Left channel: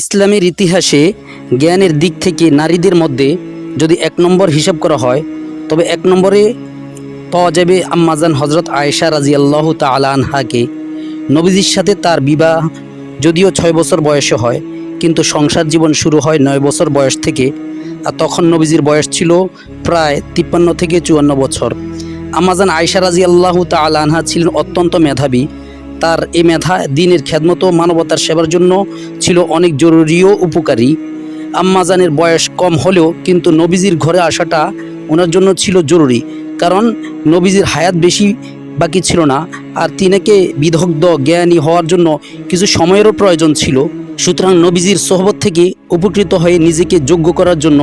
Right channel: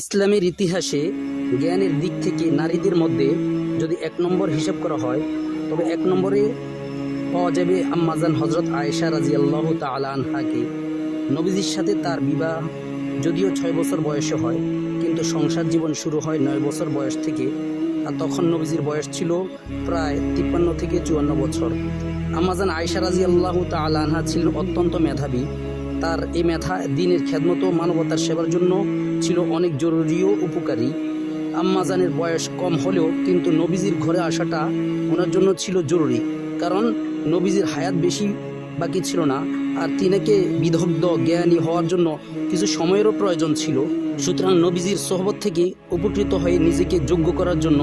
ইসলামের ইতিহাসে জ্ঞানের দিক থেকে নারীদের মধ্যে যদি এক নম্বর হিসাব করা হয় তবে এক নম্বরে পাওয়া যাবে আম্মাজান হজরত আয়েশা রাজিয়াল্লাহু তাআলা আনহাকে। নবীজির সাথে তার বিবাহ যদিও 6 বছর বয়সে হয়, কিন্তু সংসার জীবন শুরু হয় 9 বছর বয়স থেকে, আর তখন নবীজির বয়স ছিল প্রায় 53 থেকে 54 বছর। আম্মাজান আয়েশা রাজিয়াল্লাহু তাআলা আনহা ছিলেন অত্যন্ত মেধাবী। তার এই মেধা দিনের খেদমত ও মানবতার সেবার জন্য ছিল অনেক জরুরি ও উপকারী। আম্মাজানের বয়স কম হলেও কিন্তু নবীজির ঘরে আসাটা ওনার জন্য ছিল জরুরি, কারণ নবীজির হায়াত বেশি বাকি ছিল না, আর তিনাকে বিদগ্ধ জ্ঞানী হওয়ার জন্য কিছু সময়েরও প্রয়োজন ছিল। সুতরাং নবীজির সোহবত থেকে উপকৃত হয়ে নিজেকে যোগ্য করার জন্য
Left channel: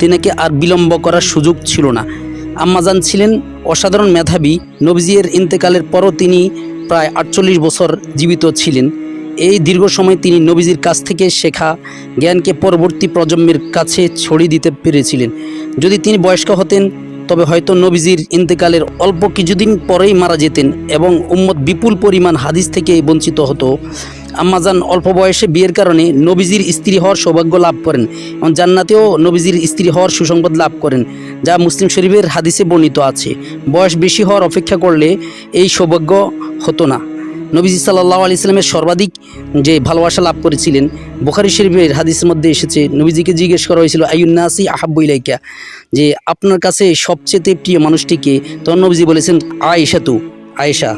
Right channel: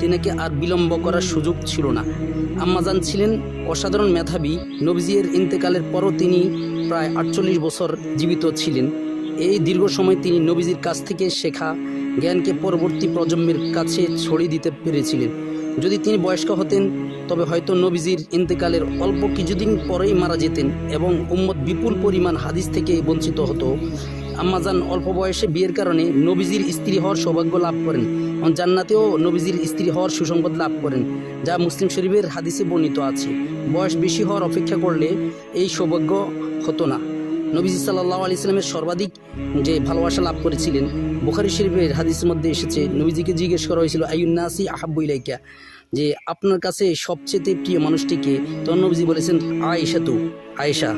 তিনাকে আর বিলম্ব করার সুযোগ ছিল না। আম্মাজান ছিলেন অসাধারণ মেধাবী। নবীজির ইন্তেকালের পরও তিনি প্রায় 48 বছর জীবিত ছিলেন। এই দীর্ঘ সময় তিনি নবীজির কাছ থেকে শেখা জ্ঞানকে পরবর্তী প্রজন্মের কাছে ছড়িয়ে দিতে পেরেছিলেন। যদি তিনি বয়স্ক হতেন তবে হয়তো নবীজির ইন্তেকালের অল্প কিছুদিন পরেই মারা যেতেন এবং উম্মত বিপুল পরিমাণ হাদিস থেকে বঞ্চিত হতো। আম্মাজান অল্প বয়সে বিয়ের কারণে নবীজির স্ত্রী হওয়ার সৌভাগ্য লাভ করেন এবং জান্নাতেও নবীজির স্ত্রী হওয়ার সুসংবাদ লাভ করেন, যা মুসলিম শরীফের হাদিসে বর্ণিত আছে। বয়স বেশি হওয়ার অপেক্ষা করলে এই সৌভাগ্য হতো না। নবীজি সাল্লাল্লাহু আলাইহি সাল্লামের সর্বাধিক যে ভালোবাসা লাভ করেছিলেন, বুখারী শরীফের হাদিসের মধ্যে এসেছে, নবীজিকে জিজ্ঞেস করা হয়েছিল আইয়ুন নাসি আহাব্বু ইলাইকা, যে আপনার কাছে সবচেয়ে প্রিয় মানুষটিকে? তখন নবীজি বলেছেন আয়েশা।